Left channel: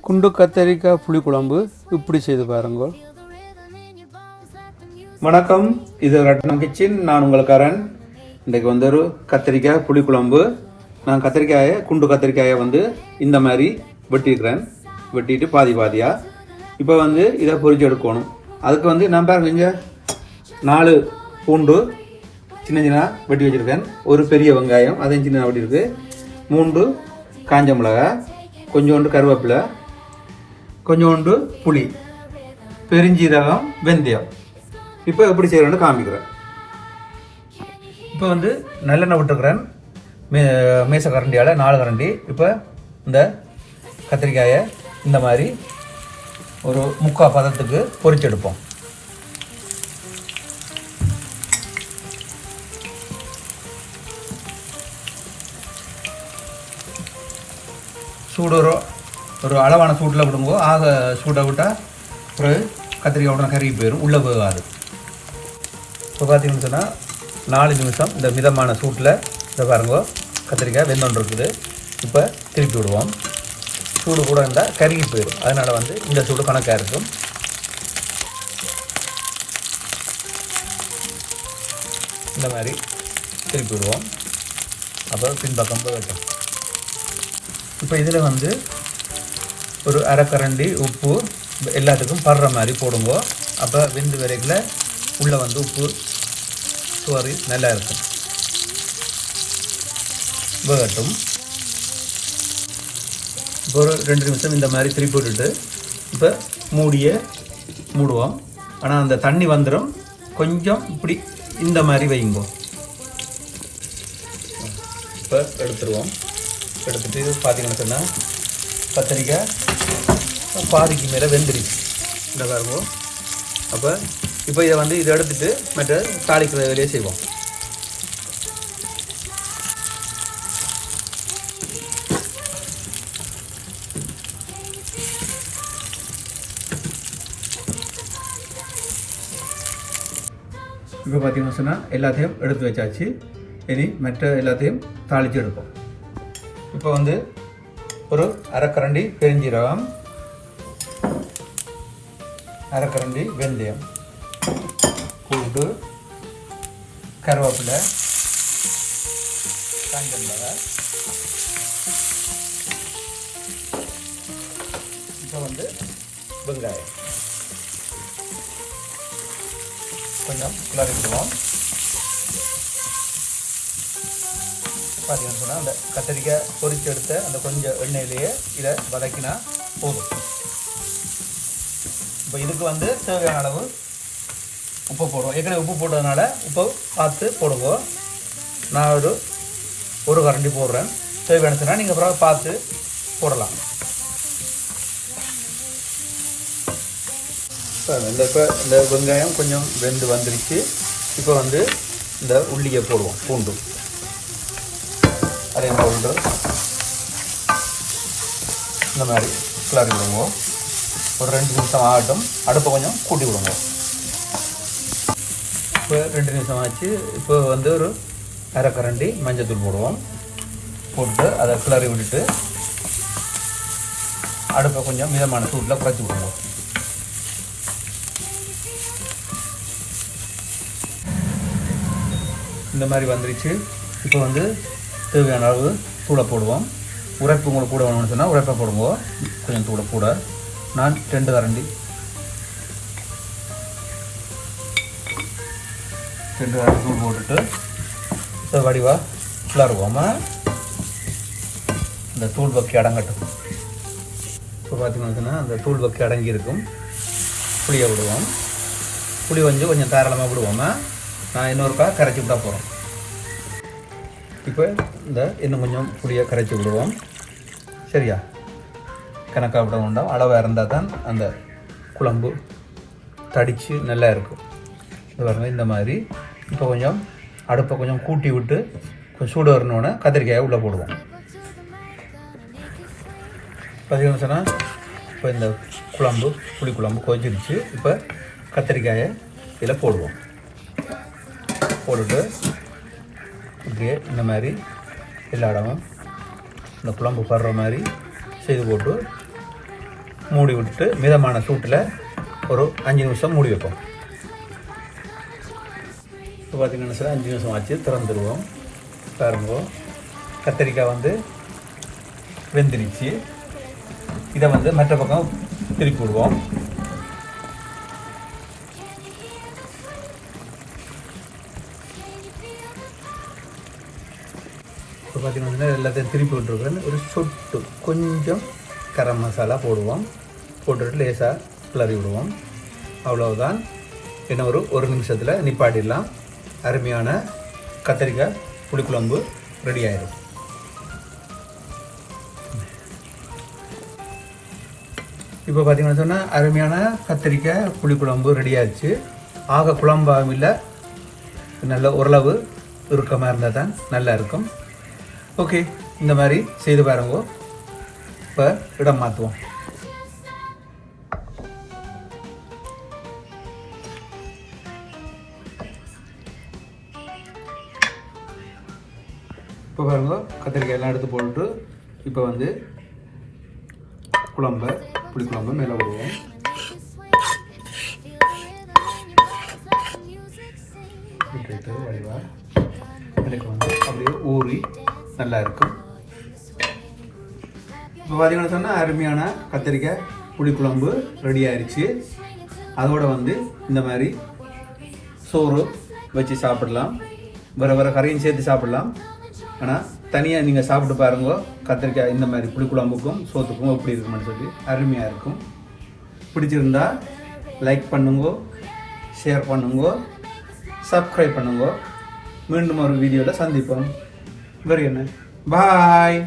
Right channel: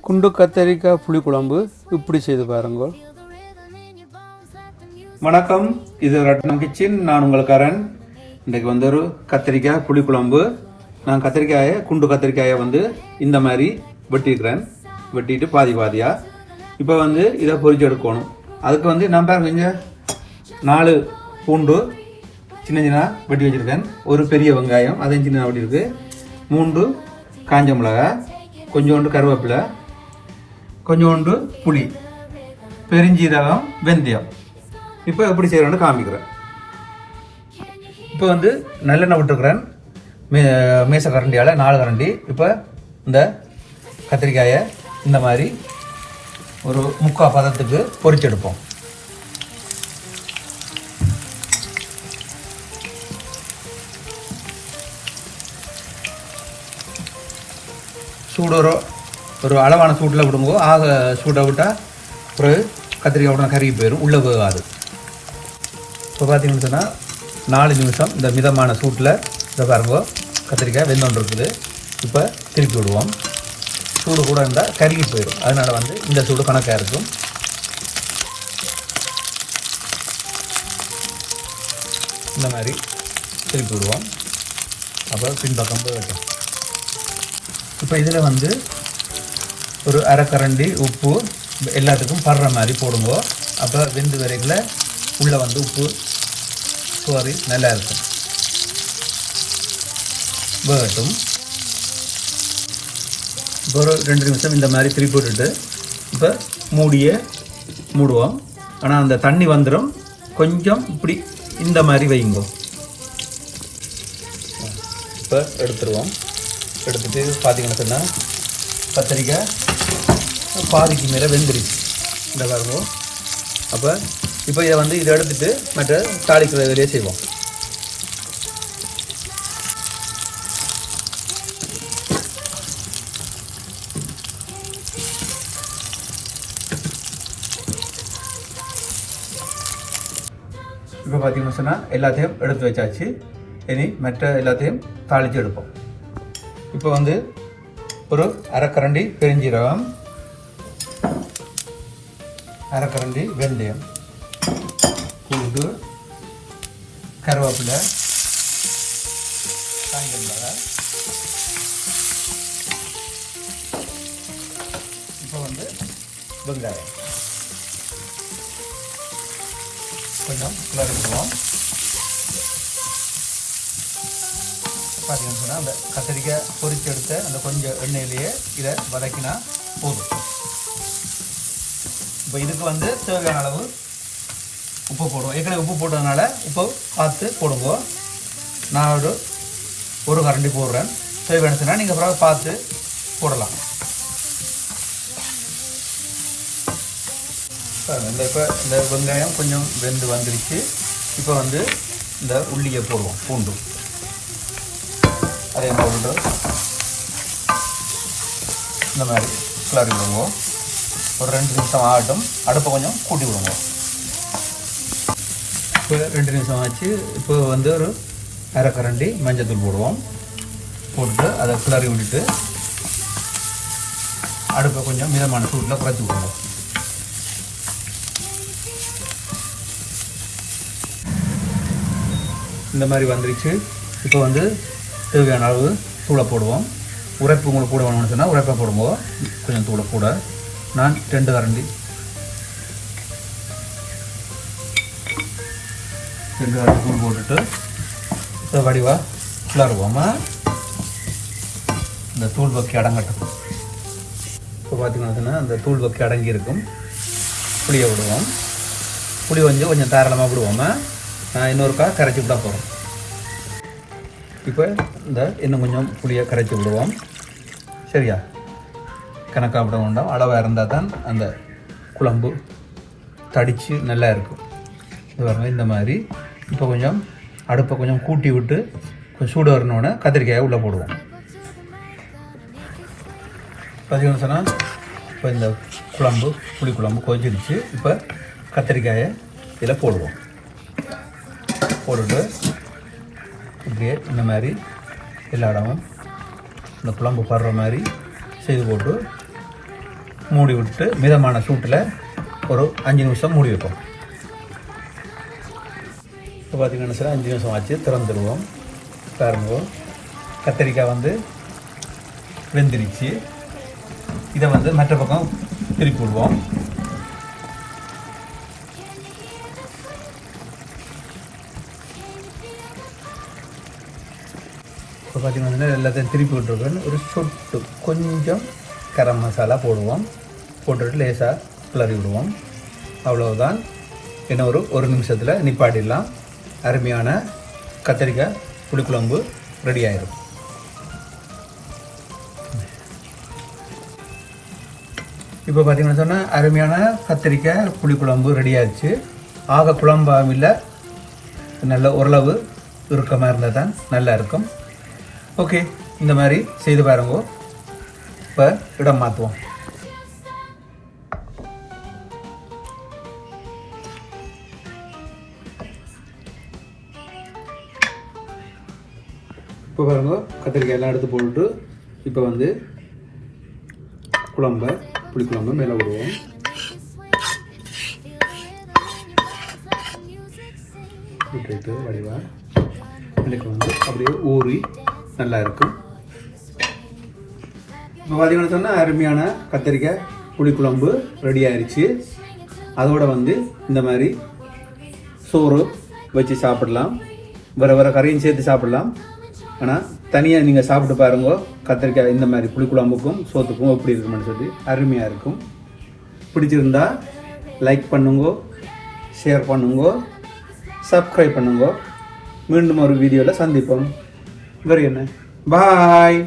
குண்டு கத்தரிக்காய் புளிக்குழம்பு இப்படி செய்து பாருங்க. வணக்கம். இது ரட்னம் கிச்சன். நான் உங்களுக்காரன் இன்றைக்கு வந்து ஒரு கத்திரிக்காய் புளிக்குழம்பு. நான் கத்திரிக்காயை குண்டு கத்திரிக்காயை வந்து இந்த மாதிரி வெட்டிக்கிறேன் வெட்டிட்டு பாதி பாதியாக இப்போ வந்து இதை பொறிச்சு எடுக்கணும். அதுக்கு வந்து நான் பாருங்க நாலு பூண்டு சின்ன சின்ன வெட்டி வச்சுருக்கேன். ஒரு பெரிய வெங்காயம் அதையும் சின்ன வெட்டியிருக்கு. மூன்று காஞ்ச மிளகாய் கொஞ்சோண்டு கருவேப்பிலை கொஞ்சோண்டு புளி பெருஞ்சீரகம் வெந்தயம். இப்போ எப்படி செய்யணும்னு காமிக்கிறேன். இப்போ வந்து நல்லெண்ணெய் விட்டுருக்குறேன். மே மேச கரண்டியால் நாலு கரண்டி. இப்போ இந்த கத்திரிக்காயை இந்த மாதிரி ஒரு முக்கால் பதத்துக்கு பொறிச்செடுப்போம். சூடுறோம் ஒரு அளவான சூட்டில் விடும்போது ஆக சூட்டை விட்டால் பிறகு கத்திரிக்காய் உடனே கருகி போயிடும் உள்ளே போகாது இப்போ பார்த்தீங்கன்னு சொன்னால் நாலு நிமிஷம் இந்த மிதமான சூட்டில் இதை பாருங்க கத்திரிக்காய் வெந்தோன்று இருக்குது. இப்போ திருப்பி விடுவோம். சூடு கூட இருந்தால் கருகி போயிடும் அதனால் வந்து இந்த சூடு கணக்காக இருக்கும். இந்த மாதிரி திருப்பி விடுவோம். அப்புறம் பின்பக்கம் போயிட்டோம் இப்போ இதில் வந்து ஒரு அரைக்கரண்டி உப்பு எல்லாத்துக்கும் படுற மாதிரி போடுங்க. அப்போ விந்து வரைக்குள்ள உள்ளே வந்து உப்பு சுவரி நல்லா இருக்கும். வேகட்டும். இப்போ ஒரு ரெண்டு நிமிஷம் இந்த மாதிரி திருப்பி விட்டுட்டு இப்போ மூடிய மூடுவோம். ஆனால் அந்த தண்ணி வந்துடும் கொஞ்சம் இப்படி இந்த மாதிரி வைங்கோ. இப்போ எடுத்துருவோம். எடுத்துகிட்டு பார்த்தீங்கன்னா கத்திரிக்காய் பாதிக்கு மேலே வெந்துருச்சு இந்த பாருங்க. அப்போ இப்போ இதை வந்து இதை எடுத்துட்டு மற்ற தாளிக்கிற இதிலே செய்வோம். இப்போ பார்த்தீங்கன்னு சொன்னால் எல்லாத்தையும் எடுத்து வச்சாச்சு. இனி மற்ற எல்லாத்தையும் தாளித்து எடுப்போம். இப்போ வந்து ஒரு அரைக்கரண்டி பெருஞ்சீரகம். அரைக்கரண்டி வெந்தயம். பூண்டு கருவேப்பிலை காஞ்சமிளகாய் இப்போ வந்து வெங்காயம். கொஞ்சம் கிளறிக்கணும் பார்த்தீங்கன்னு சொன்னால் அந்த கத்திரிக்காய் பொறிச்சு எடுத்த அந்த கொஞ்சம் எண்ணெயிலேயே இதை வதக்கினா போதும். இப்போ இதுக்கு வந்து தேவையான அளவு உப்பு போடுவோம். ஏற்கனவே உப்பு போட்டதுனால உப்பு பார்த்து போடுங்க நான் ஒரு ஒரு கரண்டி போடுறேன். தேவையான சொன்னால் நீங்கள் அப்புறம் பார்த்து போடலாம். இந்த இப்போ இந்த வெங்காயம் கொஞ்சம் வெந்து வந்துருச்சு. இப்போ வந்து இந்த உள்ளியை போடுவோம் பூண்டு அதே மாதிரி இந்த மாதிரி கிளறி விடுவோம் ஒரு ரெண்டு நிமிஷம் ஆகட்டும். அடுப்பை கொஞ்சம் கூட்டி விடுங்க. இப்போ ரெண்டு நிமிஷம் ஆச்சு. இப்போ வந்து ஒரு அரை கரண்டி மஞ்சத்தூள் போடுவோம். போட்டு அதை கிளறி விட்டுட்டு அடுப்பை கொஞ்சம் மிதமான சூட்டில் குறைச்சி விடுவோம். இந்த மாதிரி வந்துருச்சு. இப்போ வந்து தேவையான அளவு தூளை போடுவோம். உரைப்பு உங்களுக்கு கூட வேணும்னு சொன்னால் உரைப்பை போடுவோம் கொஞ்சம் தூளை கூட. நான் ரெண்டு கரண்டி. ரெண்டு கரண்டி தூள் போட்டுட்டு இப்போ வடிவா கிளறுவோமா இந்த தூள் பக்கி அடங்கட்டும். இப்போ பார்த்தீங்கன்னா அந்த தூள் பக்கி அடங்கி இருக்கும் புளியை விடுவோம். புளி வந்து கொஞ்சம் தாராளமாக விடுவோமா. நான் இன்னொருக்கா கரைச்சி விட்டா போகிறேன் இப்போ இந்த இன்னும் கொஞ்சம் புளியை கரைச்சி விடுவோம். சரியா? கணக்காக விட வேண்டாம். அளவாக இருந்தால் தான் அந்த குழம்பு தடித்து நல்லா இருக்கும். பாருங்க இந்த மாதிரி. இப்போ கொஞ்சம் அடுப்பை கொஞ்சம் கூட்டி விட்டு கொஞ்சம் சூடு வரணுன்னு கத்திரிக்காயை உள்ளே போடுவோம். பார்த்தீங்கன்னு சொன்னால் இப்போ இந்த குழம்பு புளி குழம்பு கொதிச்சிருச்சு. இப்போ கத்திரிக்காயை இதில் போடுவோம். போட்டுட்டு இப்படியே இந்த மாதிரி எல்லா இடமும் இந்த குழம்பு படுற மாதிரி செய்து போட்டு மூடி விட்டு மிதமான சூட்டில் ஒரு அஞ்சு நிமிஷம் மூடி வைப்போம். இப்போ பார்த்தீங்கன்னா சார் அஞ்சு நிமிஷம் ஆச்சு திறந்துடுவோம் பாருங்க கத்திரிக்காய் வந்து வெந்திருச்சு. இதை வந்து மற்ற பக்கம் திருப்பி விடுவோம். பார்த்தீங்கன்னா எல்லாத்தையும் திருப்பி விட்டுருக்கேன் ஒரு சொட்டு கொஞ்சம் கரம் மசாலா போடுவோம். போட்டுட்டு லேசாக கிளறி விடுவோம். அவ்வளவுதான். இன்னும் ஒரு ஒரு நிமிஷத்தில் நிப்பாட்டிடலாம். அருமையான கத்திரிக்காய் புளிக்குழம்பு ரெடி ஆயிடும் இப்போ பார்த்தீங்கன்னா சொன்னால் அருமையான கத்திரிக்காய் புளிக்குழம்பு ரெடி ஆயிடுச்சு. ஆக குழம்பாகவும் இல்லை நல்ல ஓரளவு இறுக்கமாக இருந்தால் தான் நல்லா இருக்கும். ஓகே இந்த மாதிரி செய்து பாருங்க. இப்போ இடம் மாற்றுவோம் இப்போ பாருங்க கத்திரிக்காய் எல்லாம் எடுத்து போட்டு இப்போ வந்து குழம்ப புளிக்குழம்பு மேலே விடுவோம் விட்டுட்டு வடிவா எனக்கு வந்து அப்படியே ஊறி நல்லா இருக்கும் இப்போ பார்த்தீங்கன்னா சொன்னால் அருமையான கத்திரிக்காய் புளிக்குழம்பு ரெடி ஆயிடுச்சு அதோட வந்து இந்த மாதிரி சோறு வச்சு சாப்பிடலாம். வேறு வேறு கரையும் சேர்த்து சாப்பிடலாம். ஆனால் தனியாக நீங்கள் சாப்பிட்டு பாருங்க கத்திரிக்காய் இந்த மாதிரி புளிக்குழம்புக்கும் சோத்துக்கும் எப்படி இருக்குமென்னு சொல்லி அருமையாக இருக்கும். பிடிச்சிருந்தா லைக் பண்ணுங்க ஷேர் பண்ணுங்க சப்ஸ்கிரைப் பண்ணுங்க. மீண்டும் ஒரு வீடியோவில் சந்திப்போம். வேறு என்ன பாய்